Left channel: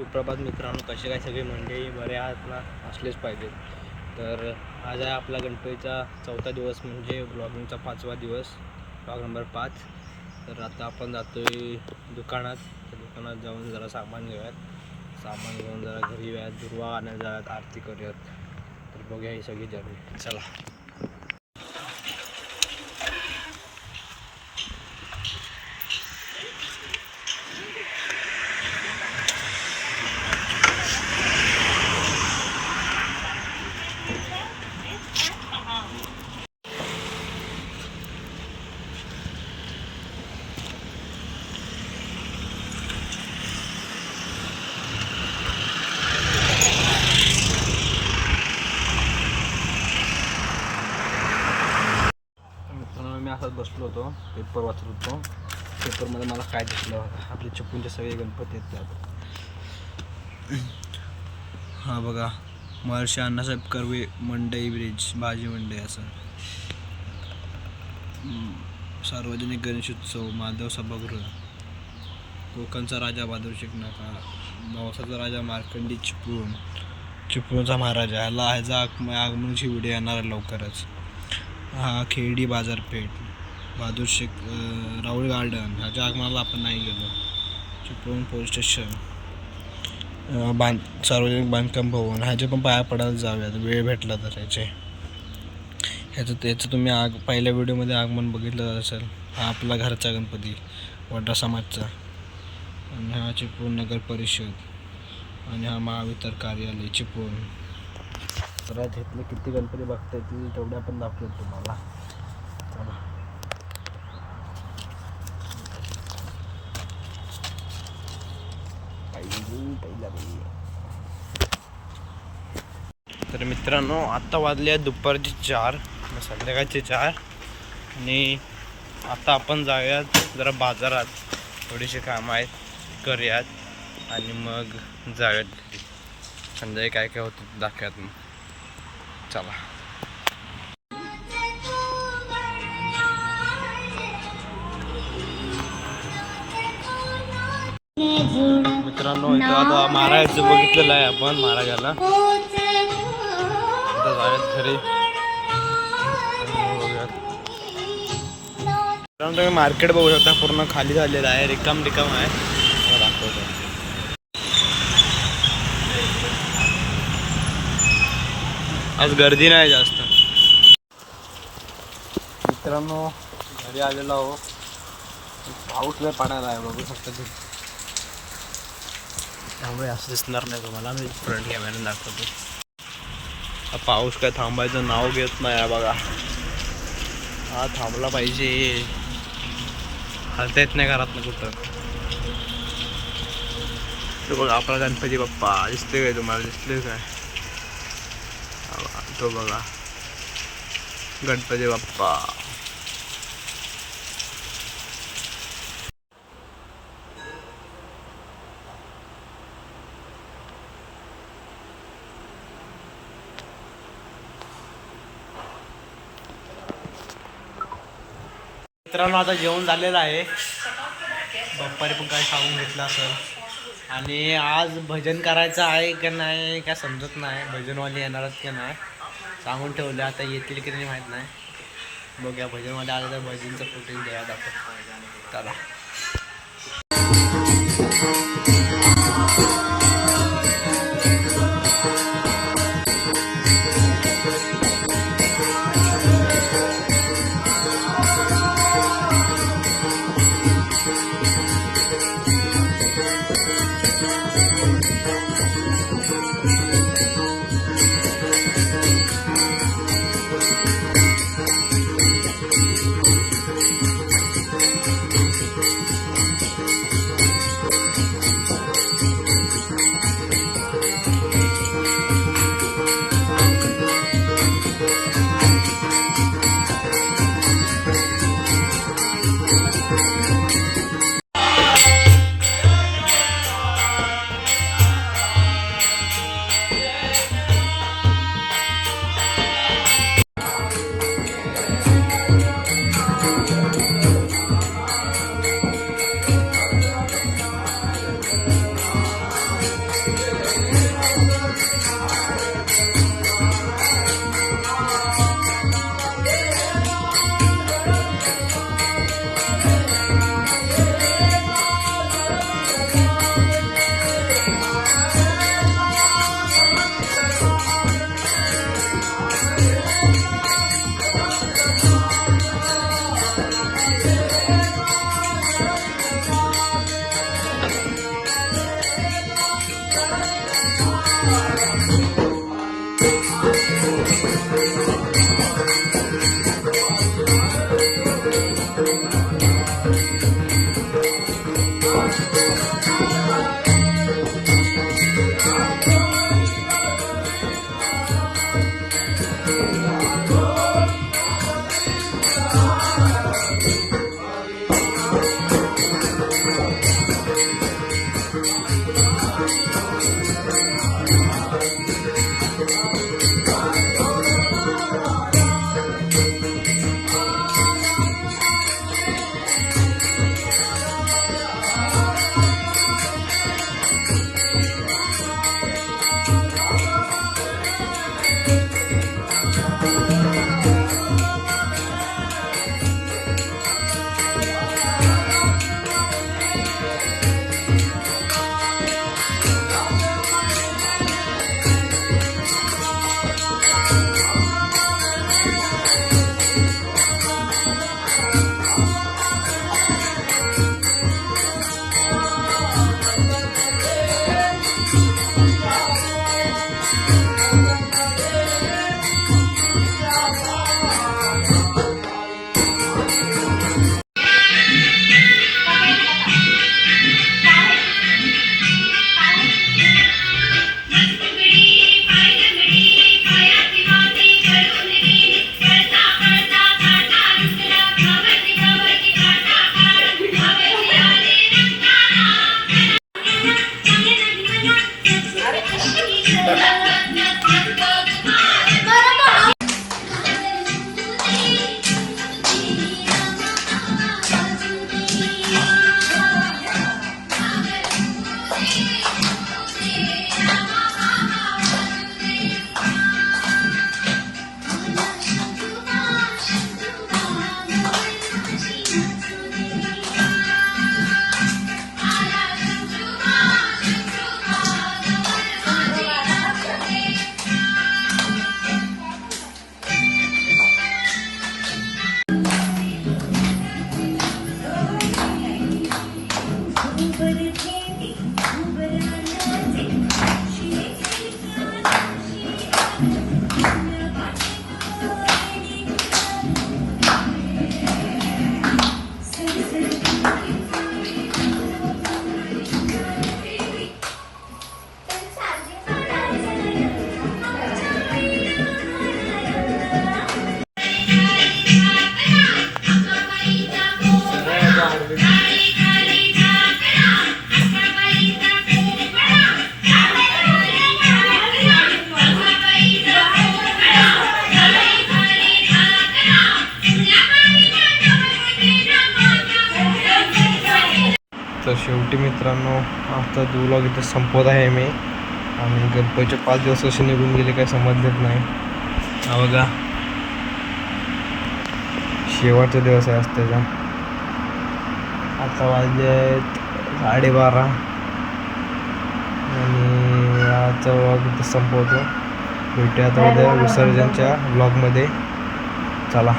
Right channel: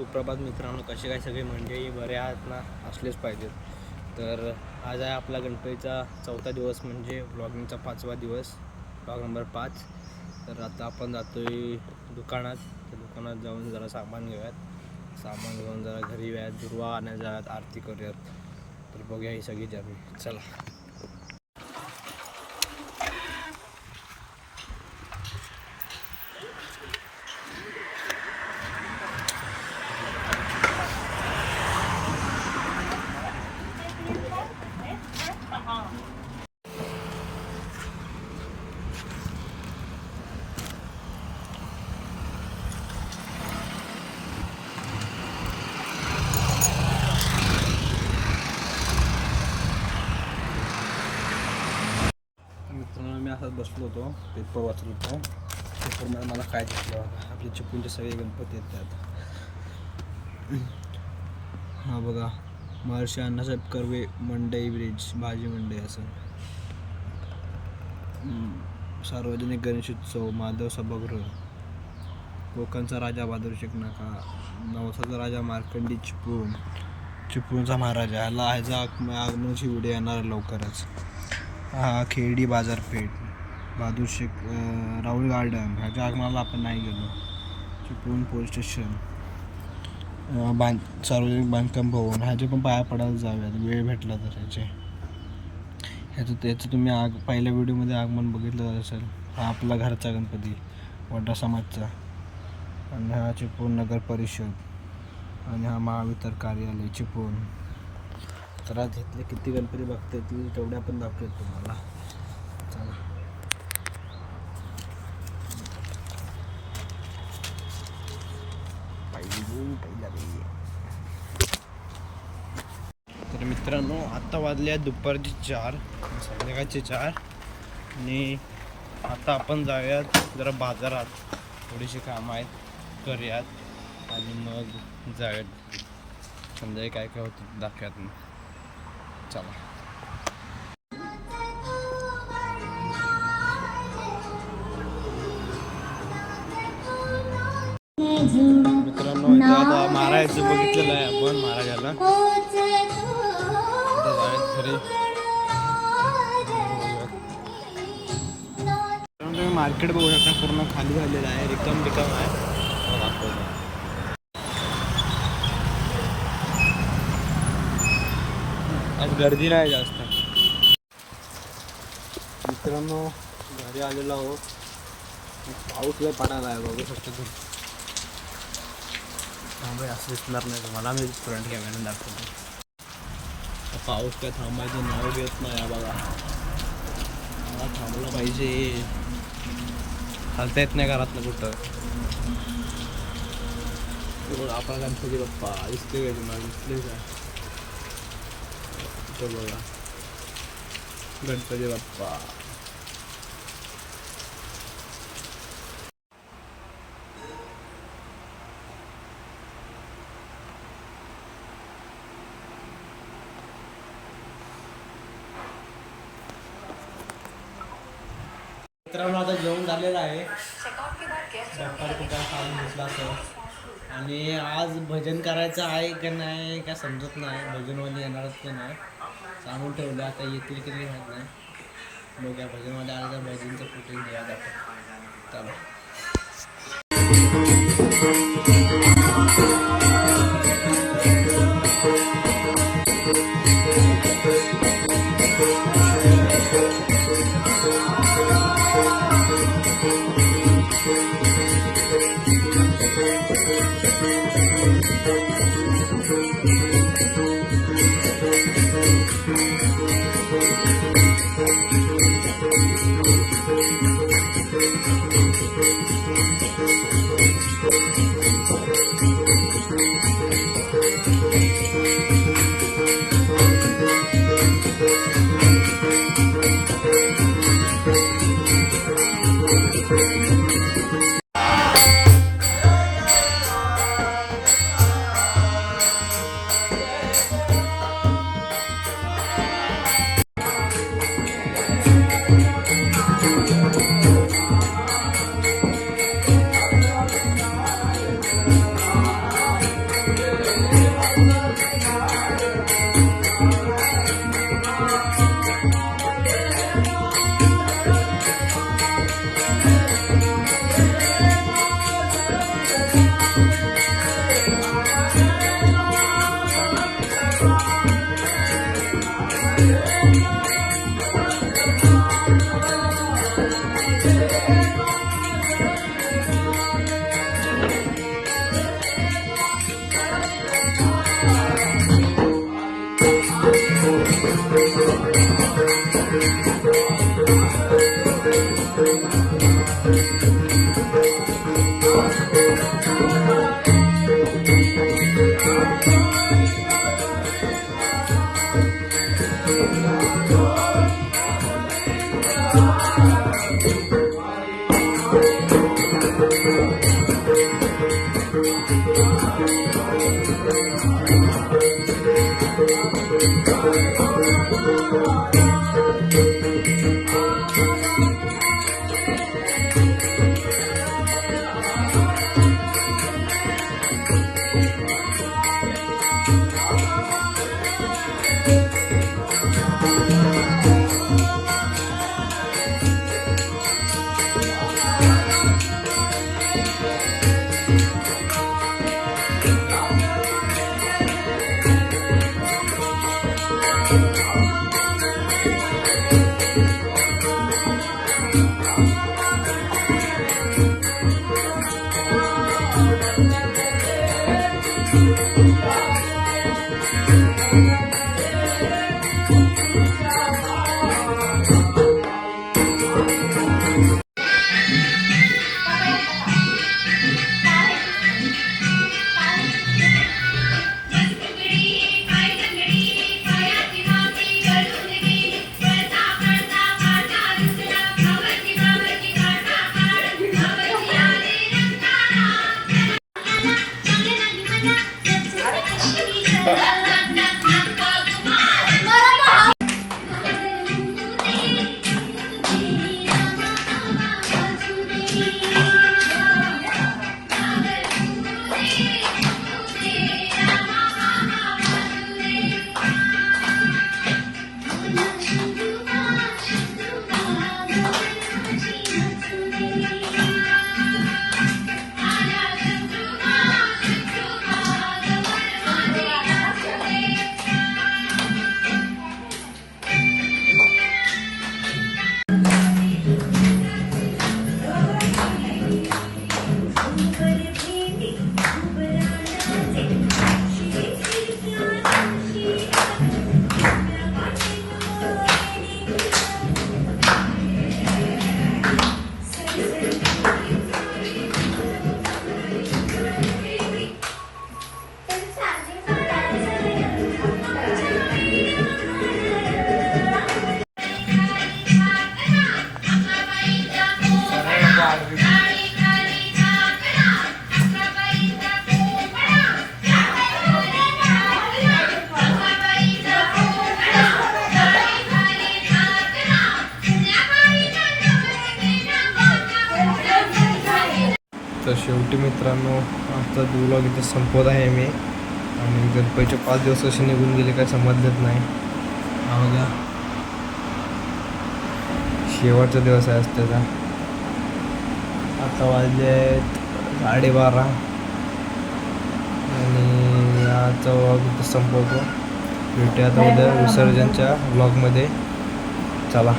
सुप्रभात मित्रांनो, कसे काय सगळे मंडळी बरे आहात ना? असलेच पाहिजेत. तर आज आहे आपला गणपतीचा 4था दिवस, म्हणजे ब्लॉगिंगचा 5वा दिवस, ब्लॉग नंबर 5. तर आता आपण जातो आहे दुकानात. तर दुकानात जाऊन जरा सामान घेऊयात. सामान घेऊन जरा घरी येऊयात, दुर्वा आणायला जाऊयात, आरती करूयात. तर बघूया ही सगळी जर्नी. चला. मित्रांनो, मी असंच बसलो होतो, पेपर वाचत होतो. पेपरमध्ये मला काय दिसलं, आपले चिपळूणचे सगळे गणपती आहेत त्यात. हा बघा, महर्षी अण्णासाहेब कर्वे मंडई ब्रिज, भाजी मंडई असं. सार्वजनिक गणेशोत्सव, माधव सभागृह, कोकणचा राजा बहादूर शिकनाका, नवसाचा राजा मार्कंडी चिपळूण, चिपळूणचा महाराजा. ह्याचा आगमनाची व्हिडिओ येणार आहे लवकरच. हा खेडी बाजारपेठ, बहादूर शेख, राहुल गार्डन. ह्याच्या आगमनाला आपण नाही गेलो. चिपळूण पोलीस स्टेशन, सार्वजनिक बांधकाम भवन, ह्याचे पण पाया पडायला जाऊयात वेळ भेटला तर. ह्याचं तुम्ही पहिल्या व्हिडिओमध्ये आगमन बघितलं असेल. हा आपला घरचा गणपती, वड्रा समाजचा. आणि हा चिपळूण नगर परिषद, आणि हा महावितर कार्यालय चिपळूण. तर घेतले किती गणपती बघता येतील तेवढे आपण दाखवतो तुम्हाला. चला. तर मित्रांनो, आत्ता वाजले आहेत दुपारचे 4, संध्याकाळचे 4. आणि आता आपण जाऊयात जरा बाजारात, थोडीशी कामं आहेत, करूयात आणि मग जाऊयात. संध्याकाळी काय काय होतं दाखवूयात मग. चला. मित्रांनो, इथं आता मारायचं बघितलेलं आहे आपण, मारायला आता जाऊयात घरी. मित्रांनो, तुम्ही मार्केट बघू शकता, पूर्ण खाली झालेलं आहे, रिकाम आहे. दाखवतो. आज गर्दी नाही जास्त. मित्रांनो, घरी आलेलो आहो. पाऊस लय पडायला आहे, बघू शकता तुम्ही. त्यामुळे असं दिसणार नाही तुम्हाला, मी फ्रंट कॅमेऱ्याने दाखवतो. पाऊस काय थांबायचं नाव घेत नाही बघा. हा थांबला पाहिजे, हलता येत नाही घरात ना कुठं. तो बघा आपला गणपती बाप्पा, दिसतोय काय तुम्हाला? दिसतोय काय? तो बघा गणपती बाप्पा. मित्रांनो, आता जेवण झालेलं आहे. बाप्पाने पण काय खाऊन घेतलं असं. आणि आज भजन करायचं आहे का नाही काय समजत नाही. भजनवाले येणार आहेत की नाही सांगून ठेवलं, आता येतील की नाही माहीत नाही. बघूया, भजनवाले आले तर भजनचं फुटेज देऊयात आपण. चला. तर शेवटी मित्रांनो आजचा व्लॉग इथे संपवत आहे मी. आणि गणपतीचे 5 दिवस कसे निघून गेले काय समजलेच नाही. हा बघा शेवटचा दिवस आहे आज त्याचा. आता वाजले आहेत 12:30 आणि आजचा व्लॉग इथे संपवतो. भेटूया आता उद्या विसर्जनच्या व्लॉगमध्ये. चला.